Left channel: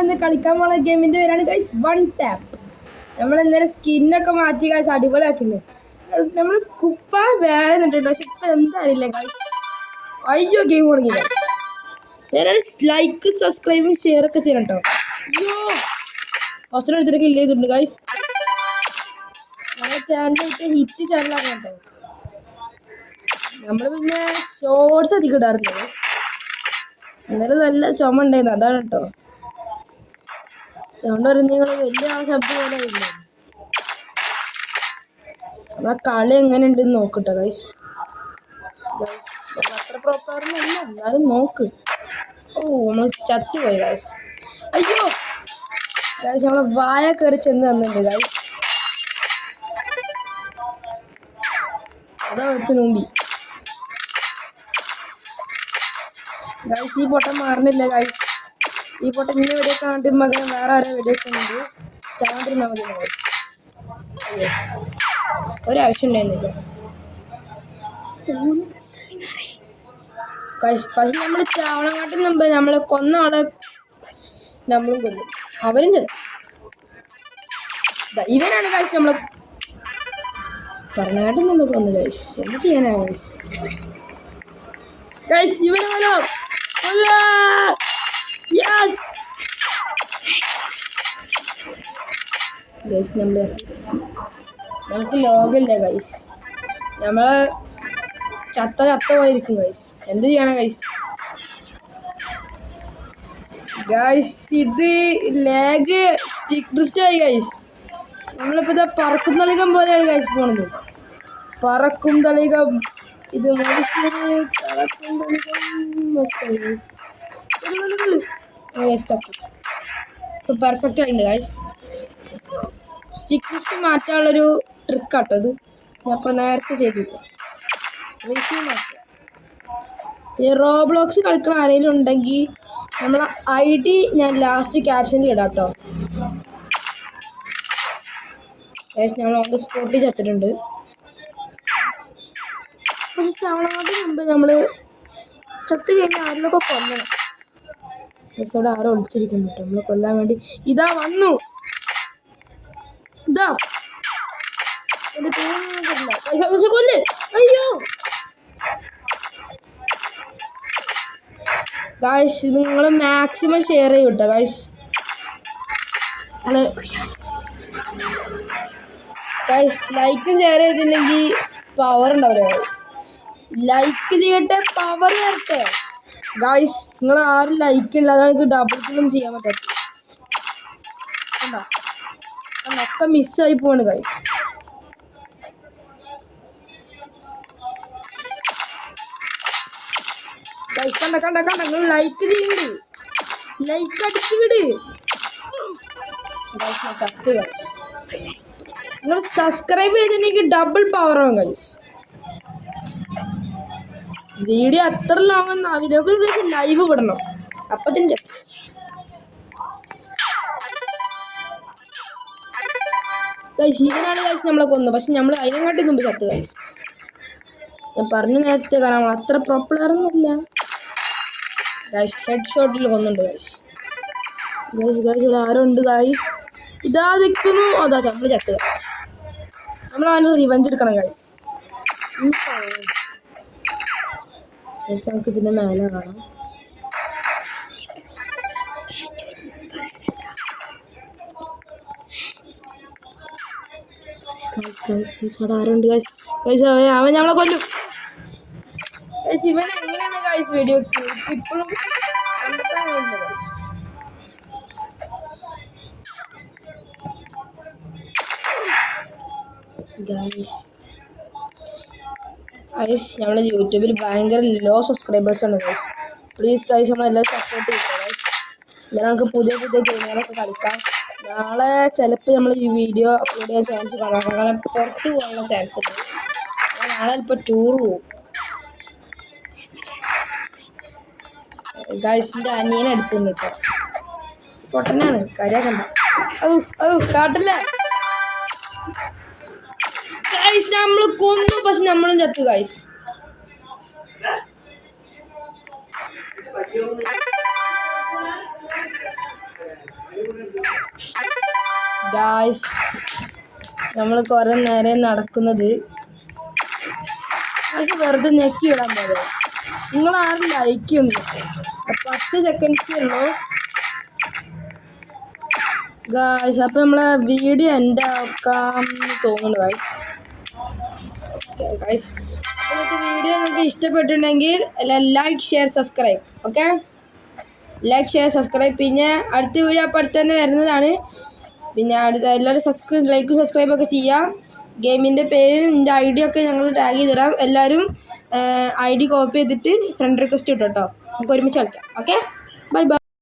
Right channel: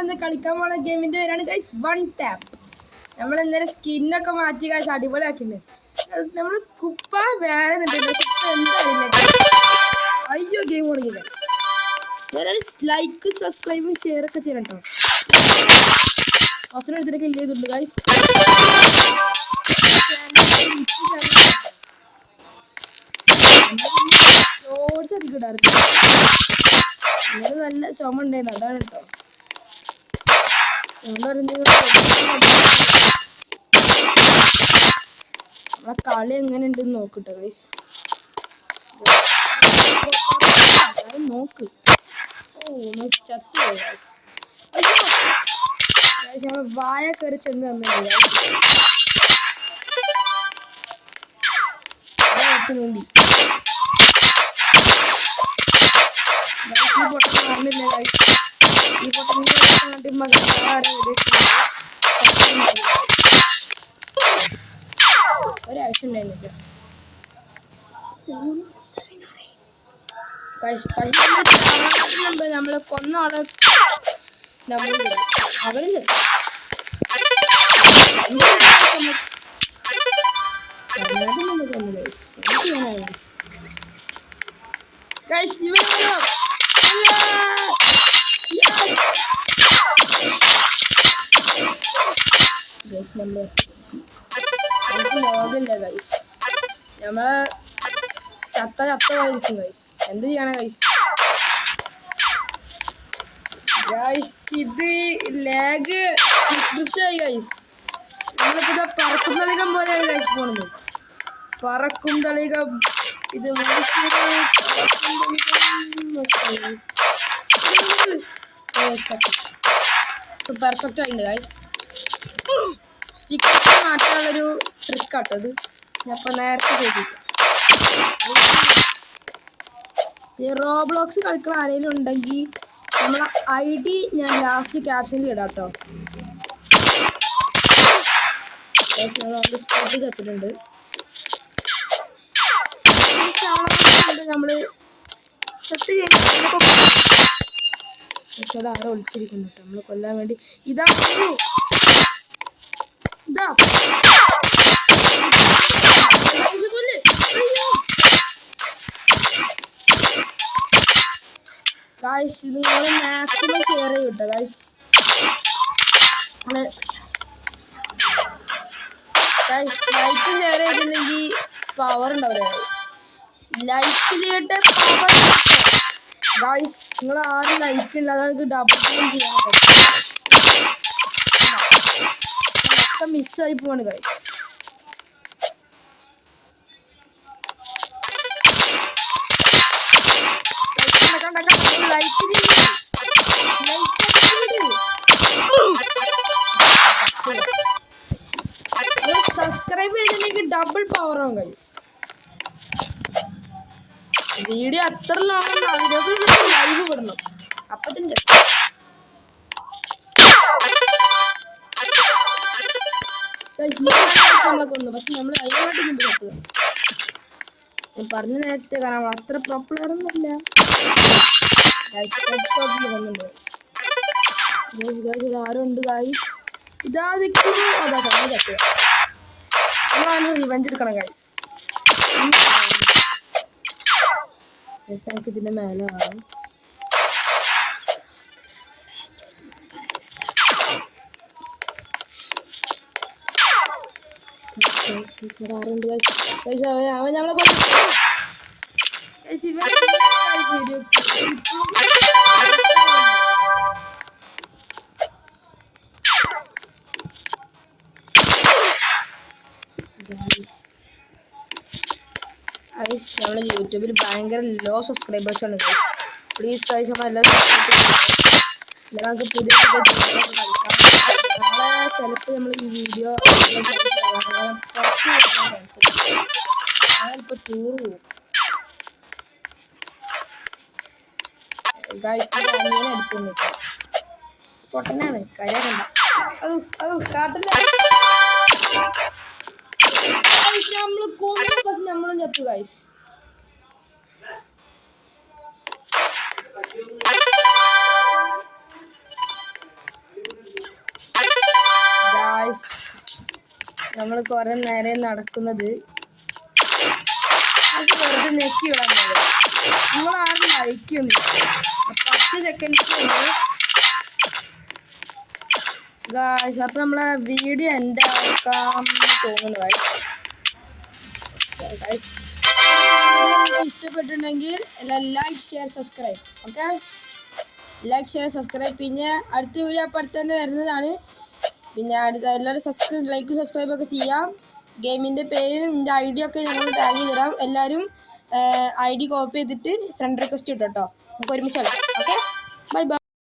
നമ്മളിന്ന് കളിക്കാൻ പോണ ഗെയിമിൻ്റെ പേരാണ് ഗൈസ് വൺ ടാപ്പ്. നമ്മൾ ഇന്നലെ സ്കിന്നൊക്കെ മാറ്റി ഗൈസ് അടിപൊളിയാക്കിയിട്ടുണ്ട്. നമ്മൾ കുപ്പ വേറെ എന്താറിയില്ല. അയ്യോ ഗെയിം തുടങ്ങി. വേറെ ലൈക്ക് സബ്സ്ക്രൈബും ഷെയർ ഒക്കെ ചെയ്യണം കേട്ടോ. കുറച്ചുകൂടെ എടുത്തിട്ട് കില്ല് ചെയ്തിട്ടുണ്ട് ഗൈസ്. ഹിറ്റ് ചാനലാണ് നമ്മൾ പിന്നെ ഷോർട്സ് അധികം ഇടാറില്ല. ഇന്നലെ നല്ല ചുമ ഉണ്ടായിരുന്നു, അതാണ് കേട്ടോ. നമ്മളെ കളി എങ്ങനെ ഉണ്ടെന്ന് നോക്കട്ടോ ഗൈസ്. എന്നാലും നോക്ക്. ഓ നമ്മൾ ചത്തി പോയി ഗൈസ്. അയ്യോ ഗൈസ് നമ്മളെ വായ കയറി ചെന്ന് തന്നിട്ടുണ്ട് ഗൈസ്. മുമ്പി ഗൈസ് ഈ പൊട്ടം മാറുന്നില്ല ഗൈസ്. ഈ പൊട്ടം വേറെ ആരും ഒരാവശ്യം ഉണ്ടായിരുന്നില്ല ഗൈസ്. പക്ഷെ നമ്മൾ ചാണകത്തിന് മുമ്പ് നമ്മളെ കൊന്ന ആളെ നമ്മളും ചെല്ലും, അവരും ചെല്ലും. ഇവരാണ് നമ്മളെ ചാണകത്തിന് മുമ്പ് കൊന്നു ഗൈസ്. എന്ത് ചെയ്യാനാ ഗൈസ്? ഗൈസ് ഇവരാണോ? ഗൈസ് നമുക്ക് ലോകമില്ല ഗൈസ്. നമ്മള് ചത്ത പോയിരിക്കും ഗൈസ്. എന്ത് ചെയ്യണം ഗൈസ്? ഗൈസ് ഇത് ലാഗ് ആയി ഗൈസ്. നമ്മളിപ്പോ ഇത് പറക്കും തളികം പോലെയാണ് ഗൈസ് പോണത്. പറക്കും തളികം ഇത് പെർഫെക്റ്റ് ആയിട്ടുണ്ട് ഗൈസ്. സ്റ്റിക്കേഴ്സ് മാറ്റാനുള്ളൊരു ട്രിക്കാട്ടോ ഇത്. ഞാൻ ഇപ്പോൾ നേരത്തെ ചെയ്തിട്ട് ഈ റോബ്ലോക്സ് കളിക്കണ ആരെങ്കിലും ഉണ്ടെങ്കിൽ നമ്മളെ ID ഞാൻ ലാസ്റ്റ് ക്യാപ്ഷനിൽ ഇടാം കേട്ടോ. നമ്മൾ ഓൺ സ്പോട്ടിൽ ചത്തിട്ടുണ്ട്. നമ്മൾ ചത്ത് കഴിഞ്ഞാൽ അതിനൊക്കെ പക്ഷേ അവിടെ ആരോ ഒളിച്ചിരിക്കുന്നു കേട്ടോ നമ്മളെ കൊല്ലാൻ വേണ്ടി. ഇതാ വന്നു, ഇതാ കൊല്ല്. അയ്യോ ഗായ്സ് ഇത് നിങ്ങൾ മാക്സിമം ഷെയർ ചെയ്യും കേട്ടോ ഗായ്സ്. ഗായ്സ് ലൈക്കും ഷെയർ ചെയ്തില്ലെങ്കിൽ പവർ ഉണ്ടാവില്ല ഗായ്സ്. ലൈക്ക് ചെയ്യട്ടെ, പവർ ചെയ്യട്ടെ ഗായ്സ്. നിങ്ങൾ ആരും ലൈക്ക് ഇല്ല, അതാണ് എനിക്ക് ഡബിൾ കില്ലും ചെയ്യാൻ പറ്റും. ഒക്കെ മിസ്സായി പോവാണ് ഗായ്സ്. ലൈക്ക് സബ്സ്ക്രൈബ് ചെയ്തിട്ടുണ്ടെങ്കിൽ ഡബിൾ പവർ ആവും ഗൈസ്. വീഡിയോ എത്ര ലോങ് അതിനൊക്കെ ലൈവ് വിടണം. അപ്പത്തിൻ്റെ നമ്മളെ കൊന്നു. പക്ഷെ നമ്മൾ അതിനായിട്ട് മുമ്പ് ചത്ത് ഗൈസ്. ഞാൻ പറഞ്ഞു നേരത്തെ, കാരണം നമ്മൾ അത്ര പോപ്പുലറൊന്നുമില്ല ഗൈസ്. ഹെഡ് ഷോട്ടിൽ കൊന്നുണ്ട് ഗൈസ്. ഇവിടെ ആരോ ഉണ്ട് ഗൈസ്. ഇതാ നിൽക്കുന്നു. അതാ നമ്മൾ ചട്ടുക. നമ്മളാണ് റിവഞ്ച് എടുക്കണം ഗൈസ്. നമുക്ക് ഇതിൻ്റെ മേലെ കാണാം. ആരുണ്ട് ഗൈസ്? ഗൈസ് അവൻ നമ്മളെ കൊന്നു ഗൈസ്. ഇവൻ ഗൈസ് വീഡിയോ ഇപ്പോഴും ഗൈസ് നമ്മുടെ യൂട്യൂബിൽ ഭയങ്കര ലോ സബ്സ്ക്രൈബേഴ്സാണ് ഗൈസ്. പ്ലീസ് ഗൈസ് നമ്മളെല്ലാവരും സപ്പോർട്ട് ചെയ്യുക. നമുക്ക് പുതിയ ഗെയിമുകളൊക്കെ കളിക്കാം. നാളെ ചിലപ്പോൾ നമ്മൾ ഈ വീഡിയോ ചാൻസ് കാണാം. നാളെ പുറത്ത് പോകാനുള്ള ചാൻസ് ഉണ്ട്. നാളെ ഇപ്പോൾ ടൂർ പോകും ഗൈസ്. എൻ്റെ അനിയനെ എടുക്കുന്നു കേട്ടോ. പൊട്ടനാണ്, കാര്യാക്കണ്ട. കാട്ടില്ല നമ്മൾ കൊന്നു. പക്ഷെ നമ്മളും ചത്തു ഗൈസ്. ഗായ്സ് നമ്മൾ കുറെ നേരം നടക്കുന്നത് അത് വെറുതെ ഞെക്കി വിടാൻ പറ്റും. നിങ്ങൾ ആരും ലൈക്ക് ഉണ്ട് 10 സെക്കൻഡ്സ് ഉണ്ട് ഗായ്സ്. അപ്പം നമ്മളെ വീഡിയോ എൻ്റെ ആക്കാൻ തോന്നുന്നു ഗായ്സ്. ഗായ്സ് വീഡിയോ നിങ്ങൾക്ക് ഇഷ്ടപ്പെട്ടിട്ടുണ്ടെങ്കിൽ like share subscribe. Okay, like share subscribe. പിന്നെ അടുത്ത വീഡിയോ അപ്പം അടുത്ത് തന്നെ വരുന്നതാണ്. പിന്നെ അടുത്ത എല്ലാവരും ലൈക്കും സബ്സ്ക്രൈബൊക്കെ ചെയ്യാം. ഗെയിമിൻ്റെ പേരും എൻ്റെ ID ഒക്കെ ഞങ്ങൾ ടാഗ് ചെയ്ത് തരാം. എല്ലാവരും ID കോപ്പി ചെയ്തിട്ട് ഫ്രണ്ട് റിക്വസ്റ്റ് ഇട്ടോ. നമുക്ക് ഒരുമിച്ച് കളിക്കാം. Okay, bye bye.